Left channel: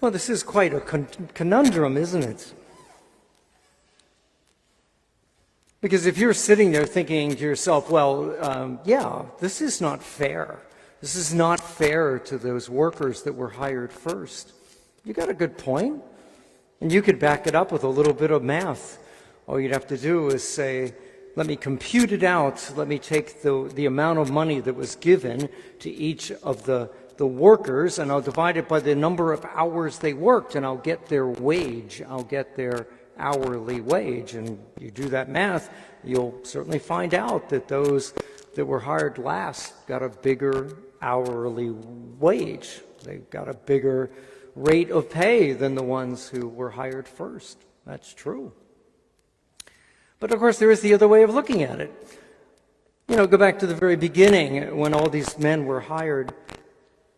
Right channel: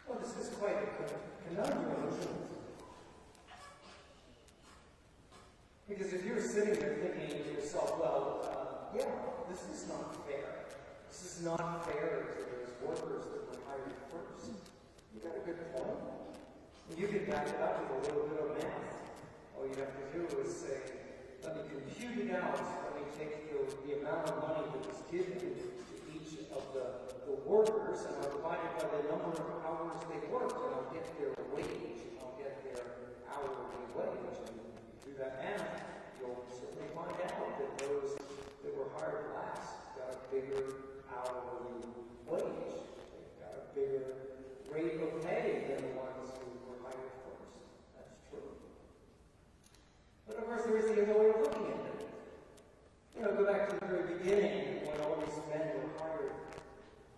Well, this is quite a conundrum, isn't it? Because if you're sitting there thinking to yourself, well, yeah, this is not fair. This is not fair to those workers that were hired first. You got a good point. And you could back it up with a little bit of math. All you'd have to do is say, let me compute it out. Let me take the amount of money that was given to each of the workers, and I'll divide it by the number of hours they worked, and I'll get their wage. I'll get their hourly wage. And you do that math, you'll certainly find out that those that were hired last got a bigger hourly wage. They got a bigger rate of pay than the ones who were hired first. That's true. But of course, there is the other way of looking at it. You know, go back to the very beginning when all these men were hired.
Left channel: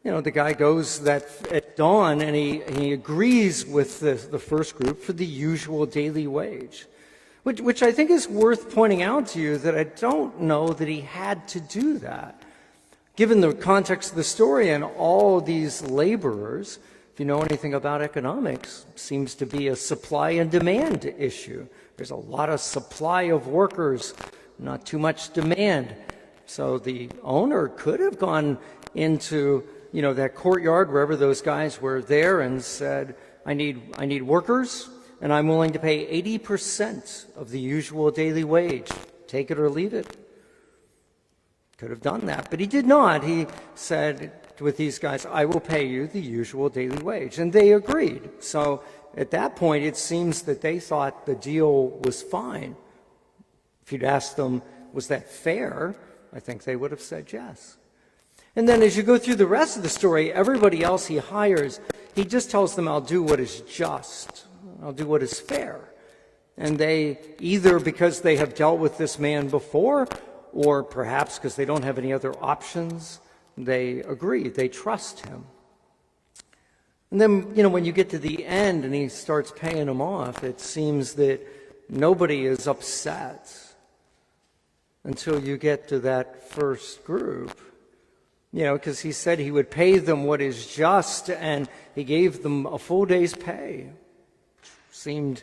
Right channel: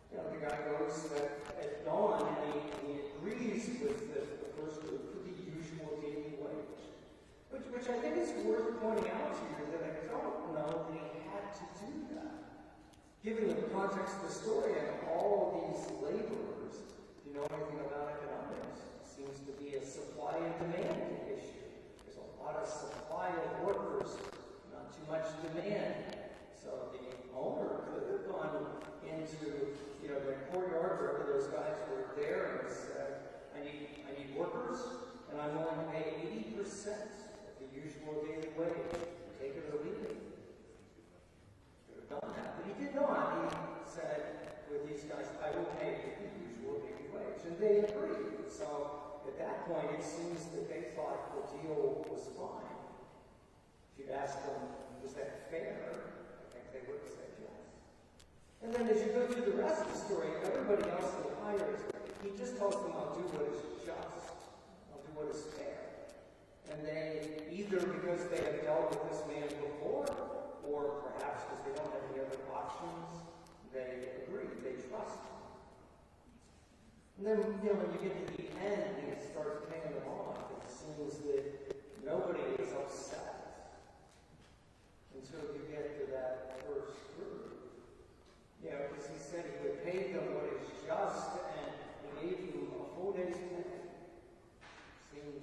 You know, the guy goes at dawn and he agrees with the first group for the usual daily wage, which I think is worth pointing out to you, that I don't know that he had to do that. Given the context of the story and all these laborers, if you know anything about economics, seems to be a supply and demand issue. There's a lot of supply of workers, not too much demand. So the owner could have gone into, you know, that courtyard wherever those guys were there and said, I need workers, and I'm willing to pay 80% of the usual daily wage. Take it or leave it. Could have done that, but he did not. He said with these guys, I will pay you the usual daily wage. And they agreed. So at that point, it seems that they thought the deal was fine. If you'd asked them, was that fair? I think they would have said yes. And then as you go through the rest of the story, everybody else he hires, he just tells them, I'll do what is just. I'll do what is fair. And they, either because they have dealt with this man before, or perhaps because they don't have any other options, they agree. They trust him. And then, you know, when you get to the end and he starts paying them off, it seems that nobody is upset until you get to that first group. You know, because he said he would pay them what is just, and he gave them a full day's pay. Seemed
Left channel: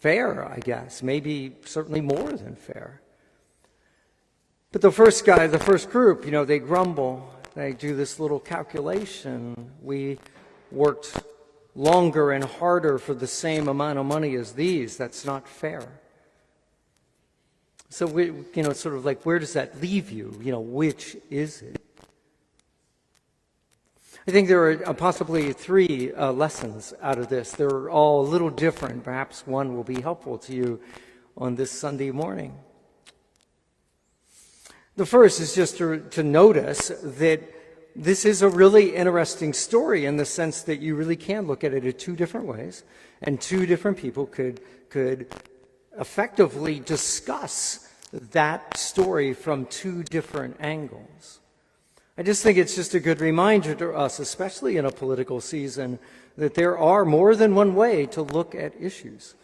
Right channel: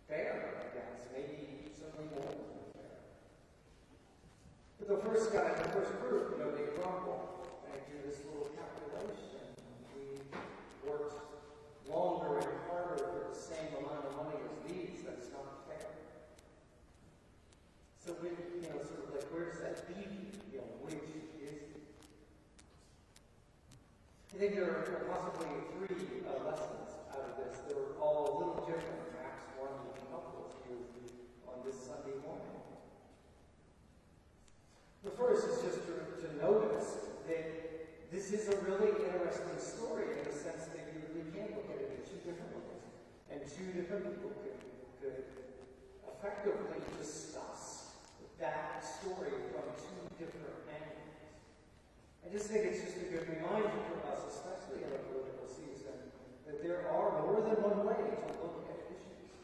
fair, I guess. Maybe certainly more than fair. But the first guy, the first group, you know, they grumble. They do this little calculation. We worked longer and harder for the same amount of money as these. That's not fair. So, you know, sort of like, where does that leave you? You know, which is it? I think there are possibly three lessons out of this. They're all a little different. Perhaps one will be helpful to you on this Sunday morning. The first is just to notice that this is a really interesting story in the sense that you really can look at it in two different ways, and two different people could effectively discuss that story from two different angles. I just think it's just a good reminder to us, especially in a political season, that there are more than one way to look at issues.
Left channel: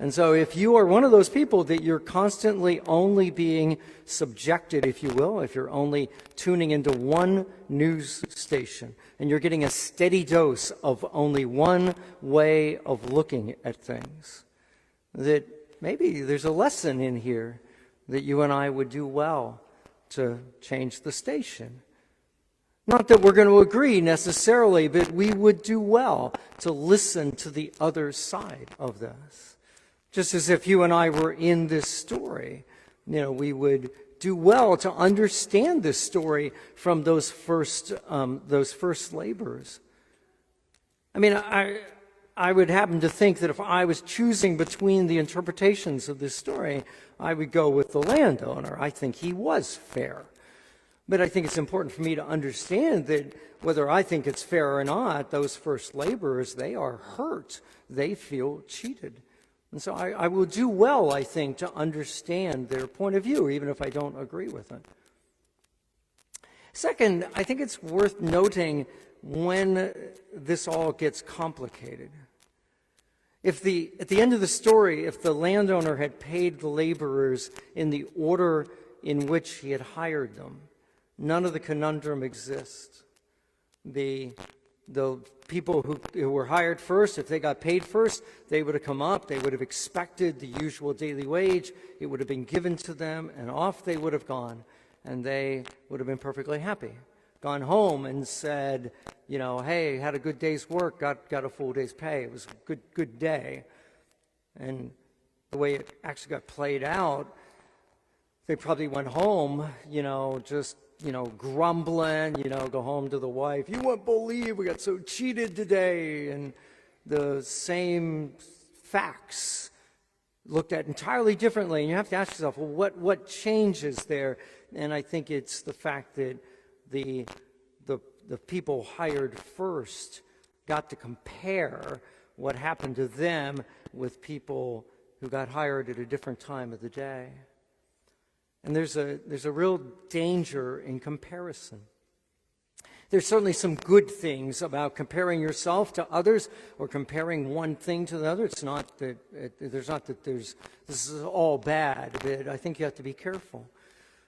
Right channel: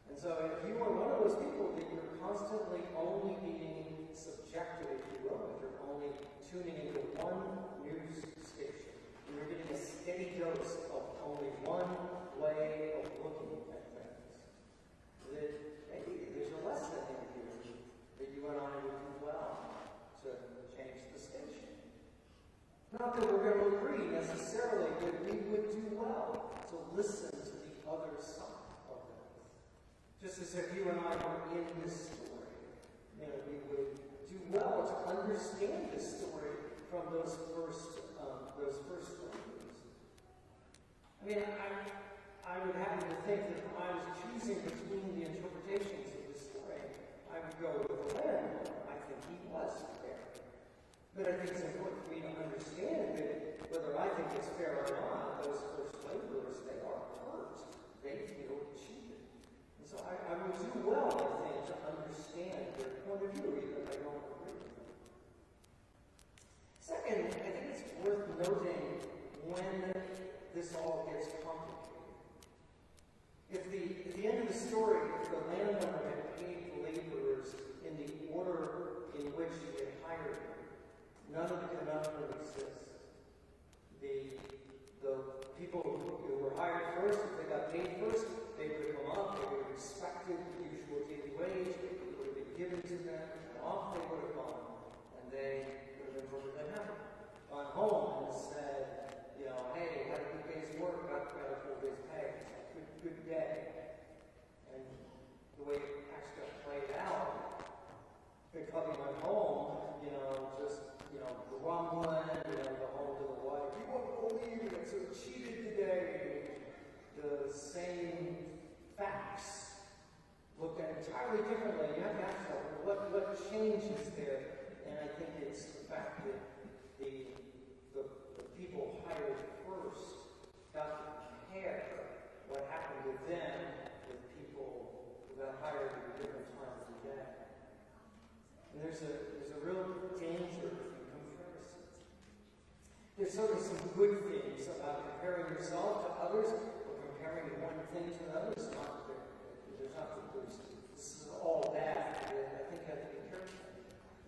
And so if you are one of those people that you're constantly only being subjected, if you will, if you're only tuning into one news station and you're getting a steady dose of only one way of looking at things, that maybe there's a lesson in here that you and I would do well to change the station. Not that we're going to agree necessarily, but we would do well to listen to the other side of this. Just as if you and I were in this story, you know, we would do well to understand this story from those first laborers. I mean, I would happen to think that if I was choosing between the interpretations of this story, I would go with the landowner. I think he was fair. But I think it's important for me to understand that whether I think it's fair or not, those first laborers, they are hurt. They feel cheated. And so I will do well, I think, to understand their point of view, even if I don't agree with it. Second, I think it's worth noting when this all gets complicated. At the end of the story, if the landowner had paid the laborers in the order in which he had hired them, none of the conundrum exists. The The people who were hired first, if they got paid first, they would have come up, they would have expected the usual daily wage, it would have been given to them, and off they would have gone, and they would have been perfectly happy. Gone home and said, you know, hey, had a good day's work, got a full day's pay, it was a good day. And the way it actually got played out, they probably went home, you know, just, you know, grumbling, you know, go home to the wife, you won't believe we got so cheated today, and the same facts looked at entirely differently. And you have to ask yourself, well, what changes there? And I think it's the fact that the people hired first got to compare what happened to them with people who got hired at a different time of the day. And there's a real danger in comparison. There's certainly some good things about comparing yourself to others or comparing one thing to the other. It's not that this is all bad, but I think you have to be careful.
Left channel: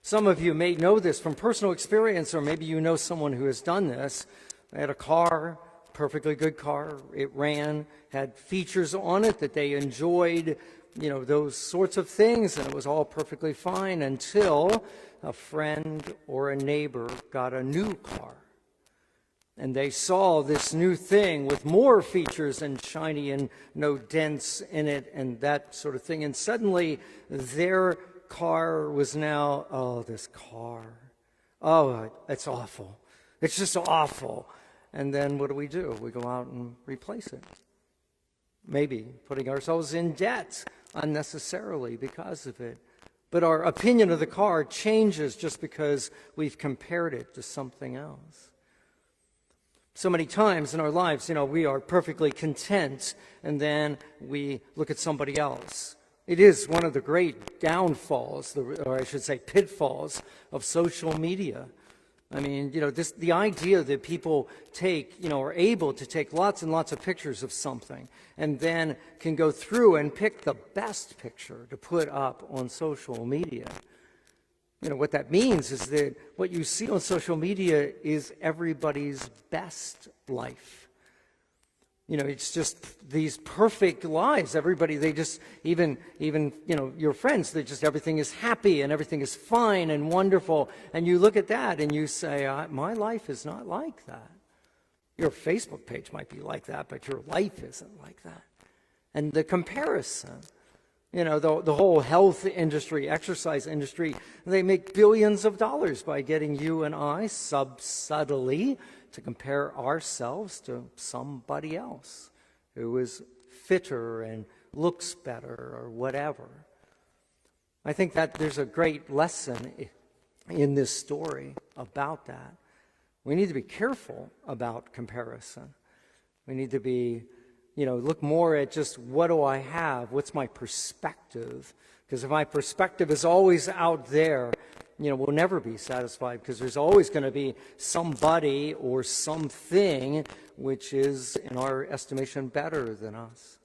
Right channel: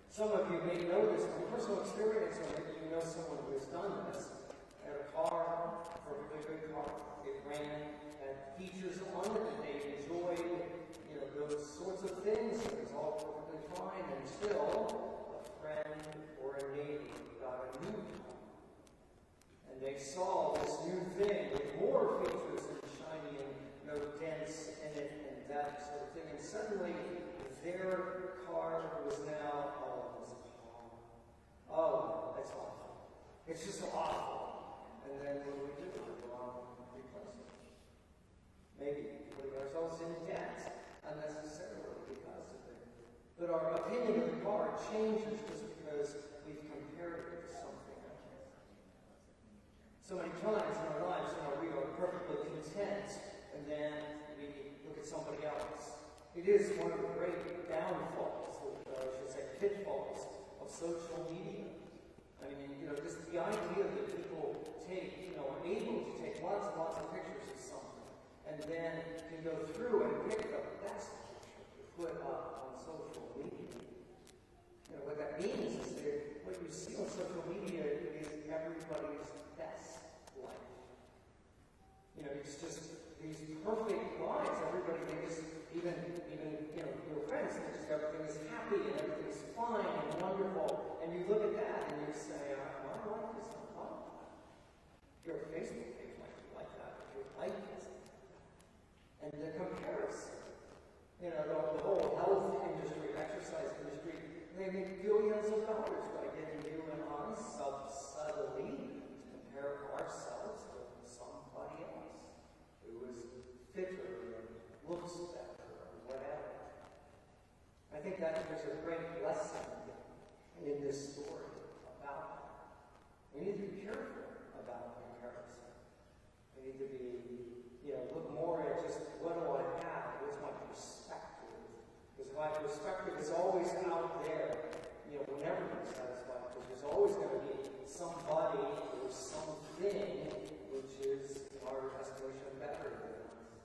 Some of you may know this from personal experience, or maybe you know someone who has done this. They had a car, perfectly good car. It ran, had features on it that they enjoyed, you know, those sorts of things, and it was all perfectly fine until a friend or a neighbor got a new car. And they saw this new thing with more features and shiny and no dents in it and that sort of thing. And suddenly their car was now, oh, this car. Oh, it's awful. It's just awful. And then what do? We go out and replace it. Maybe putting ourselves in debt unnecessarily because of it. But our opinion of the car changes just because we've compared it to something else. So many times in our lives, you know, we are perfectly content, and then we look at somebody else. It is one of the great downfalls, or I should say pitfalls, of social media. I mean, you know, the idea that people take, you know, are able to take lots and lots of pictures of something and then can go through and pick the best picture to put up on social media. You know, what that means is that what you see on social media is everybody's best life. You know, it's just these perfect lives. Everybody, they just, even you know, your friends, they just, everything is happy and everything is fine and wonderful. And you look at that and you say, my life is not like that. Your Facebook page might be like that, but your life isn't like that. And the comparison, you know, the whole health industry, exercise industry, they make billions of dollars by getting you and I subtly to compare ourselves to somebody else who is fitter and looks better or whatever. I think that there's a great lesson in this story about that. We need to be careful about comparison. We need to be, you know, look more at just what do I have? What's my perspective? Because if my perspective is always out there, you know, we'll never be satisfied because there's always going to be somebody or something which is, in our estimation, better than us.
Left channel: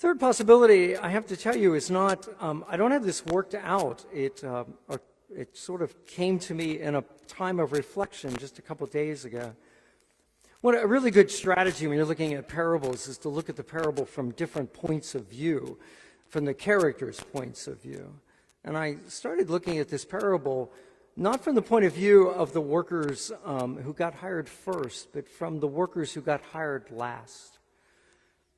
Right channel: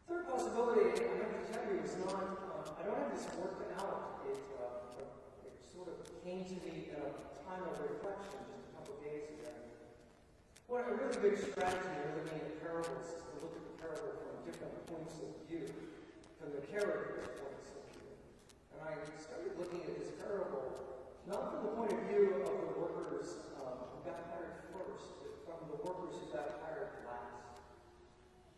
Third possibility, I have to tell you, is not, I don't have this worked out. It sort of came to me in a time of reflection just a couple days ago. What a really good strategy when you're looking at parables is to look at the parable from different points of view, from the characters' points of view. And I started looking at this parable not from the point of view of the workers who got hired first, but from the workers who got hired last.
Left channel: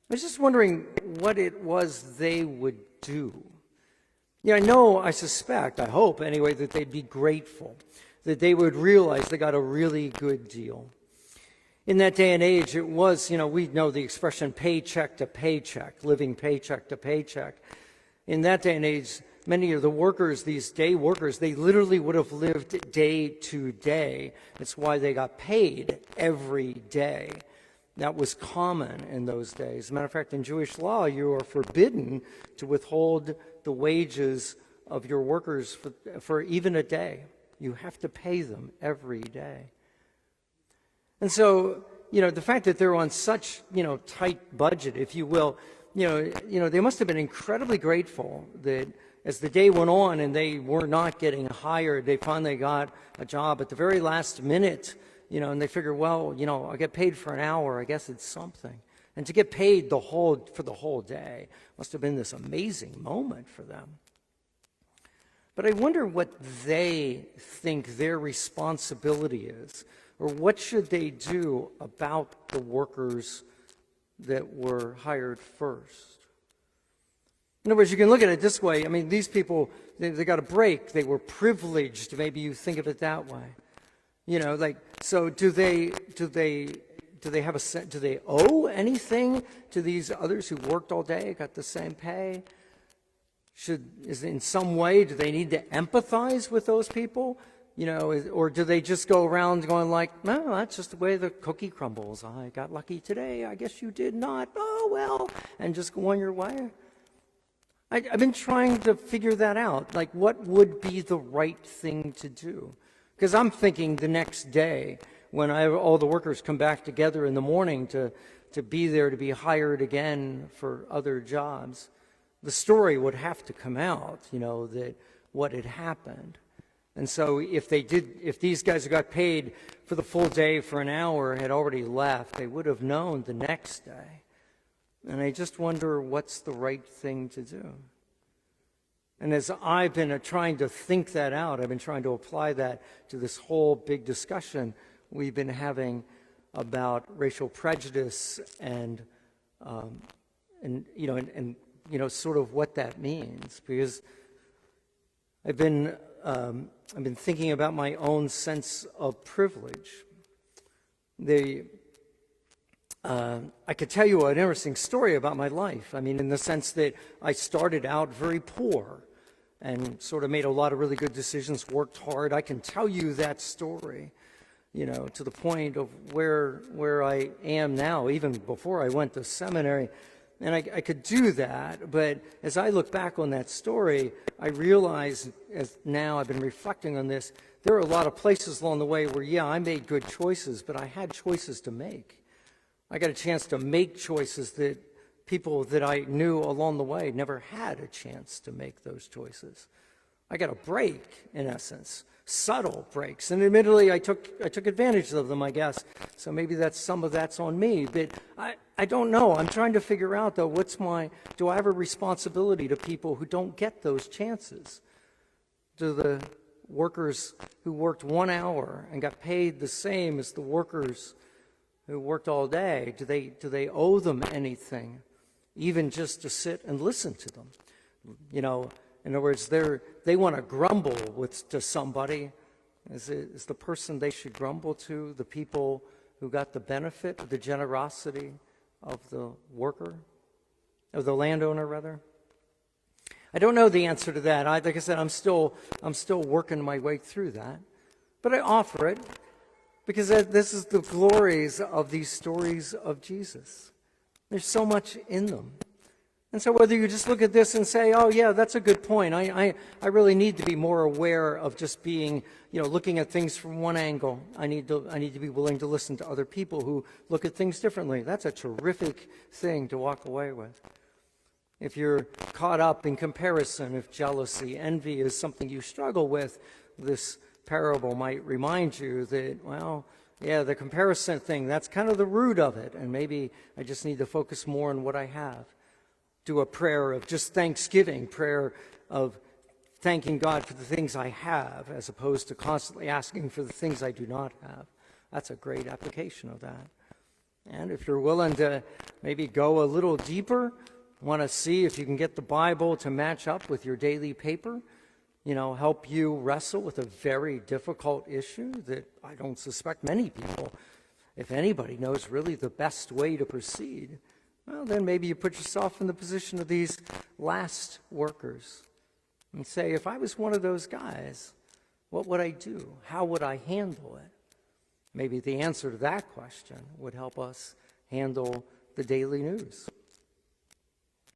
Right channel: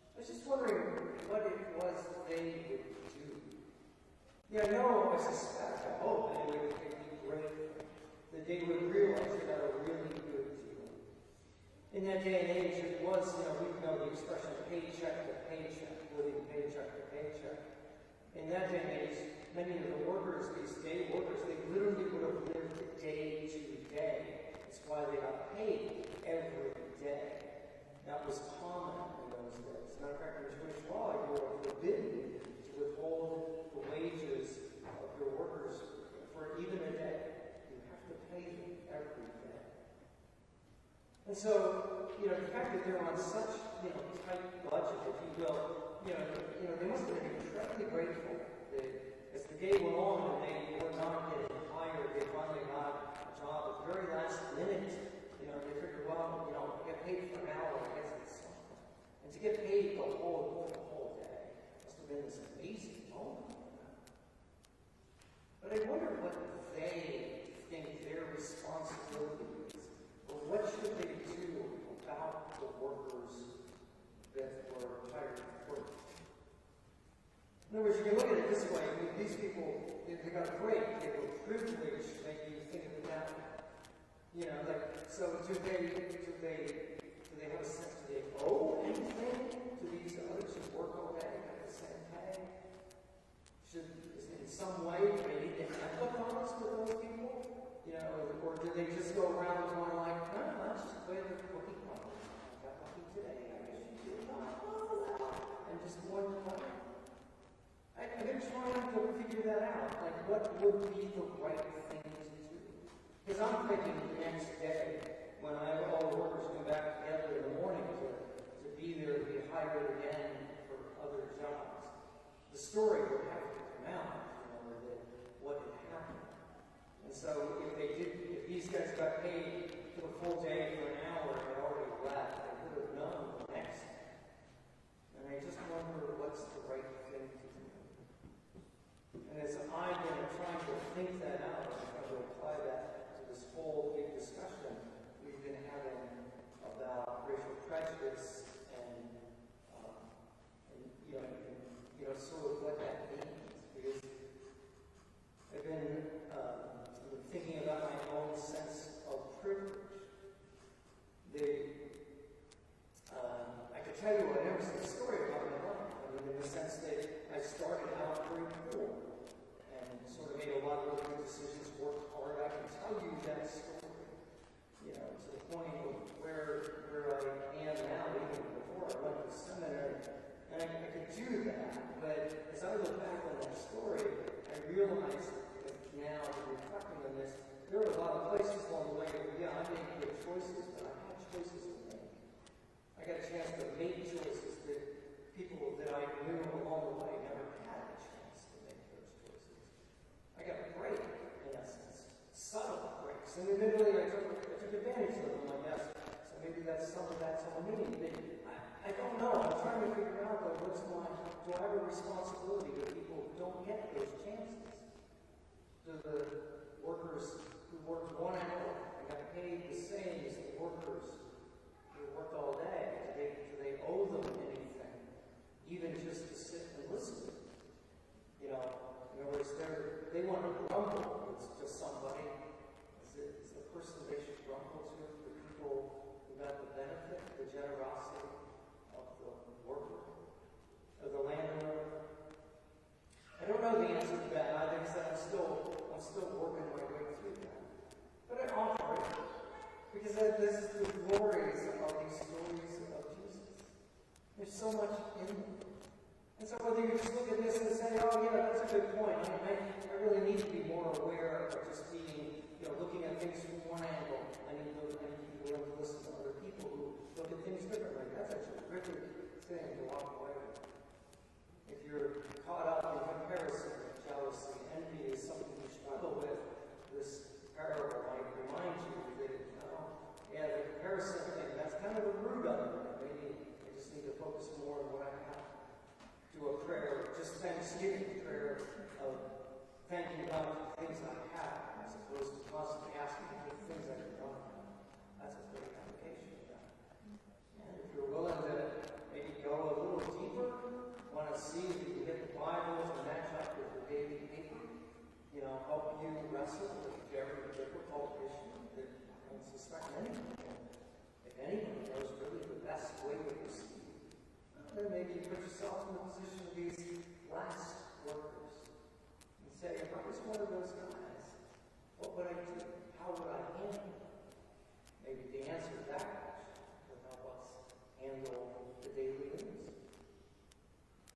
I was just wondering what it was they would do. Yeah, I suspect, I hope anyway, that they'd be grateful, that they would realize they got a really good deal. In that day and age, it was, you know, we know the expression paycheck to paycheck, living paycheck to paycheck. In that day and age, many of the workers, these day workers, they literally would have lived day to day. That's why they got paid every day. That was common in those days. As a matter of fact, in Jewish law, you are forbidden to withhold the wages of your workers for even a day. You have to pay them every day. And so, you know, the fact that they're on such, you know, tight budget, if you will, you know, they must have been incredibly grateful that as the day went on and they were not getting hired, they finally got a job at the very last minute, and they figure, well, I get paid for an hour, I guess it's something. And to get paid for the whole day must have been this amazing moment for them. But I wonder what they think their responsibility is, or what should they do about the workers that were hired first. In other words, you can look at it this way. I mean, these people, they got a break. They were privileged. Maybe you think of it that way. So do they have do they owe anything to these others who worked all day, got the same pay? Is in some way, do they need to empathize with those people? Or do they just go around going like, no, that's just the way the cookie crumbles. I got lucky today. I guess you did not. Oh, well, and just go on your way. I've been trying to figure that out. Like, what would be the right thing to do? Because I'm thinking the next day, when all the workers come back together in the morning to be there, to be hired again for other jobs, the story would have to come out, that what had happened. And so if these guys who got paid for the full day for an hour had already left, they would have known the next day. And I just wonder what's the right thing to do. And as I've been trying to think that out, I've been trying to apply that to this whole big discussion we've been having about racial prejudice and sort of what that means. Because I've been thinking about my own sense of privilege. I could tell you an interesting story about my life. I mean, in the sense that I started out very poor and sort of made a lot of really good decisions, worked hard. I can tell you that story, to the point of where I am now, even before I went to seminary. And I could do that, but as I look back on that story, I realize, as now I've been reflecting on this, there are a lot of places along the way where, I made good choices, but I had choices to make. I got a chance to make choices that people that I knew along the way never had a chance to make those choices. I got a break, in essence, subtle breaks, and admittedly I took advantage of them, I guess. So maybe some of that's on me, but I don't know. I'm trying to figure out, though, do I have a responsibility to people who don't get those chances? Do the workers who worked 1 hour and got paid the same as the workers who worked all day, do they owe them anything, even just to sit and listen to them? In other words, they want to grumble to somebody. Is the person they should grumble to the people who got the benefit of the generosity of the worker, of the landowner, rather? I don't know the answer to that. Like I said, I'm still working my way through that. But I offer it because this is the glories of these stories of Jesus. There's so much in them. And so whether you just look at this and say, oh, yeah, that's a good point. I really need to be more aware of just being, looking at things from one angle. I need to be willing to listen to other people who look at things differently. That's a terrific thing to walk away with. If you're caught up in comparison, if jealousy, envy is something you struggle with, this parable might remind you that, well, yeah, the comparison thing, that's kind of the root of it. And maybe I just need to focus more on what I have. Do a prayer of just thanksgiving, prayer of thanking God for the things I have, as opposed to constantly asking for the things I do not have. That's a great application of that. And if you're willing to maybe go a little deeper, want to see if you can get the Bible to match up with your daily paper, help you wrestle with a very difficult issue that I don't suspect many people, if anybody, knows really the best way to proceed, well, then maybe you put yourself in the position of these last workers and say, if I was one of those guys, what would I do? How would I handle it? Maybe the answer to that question would help us handle the daily news.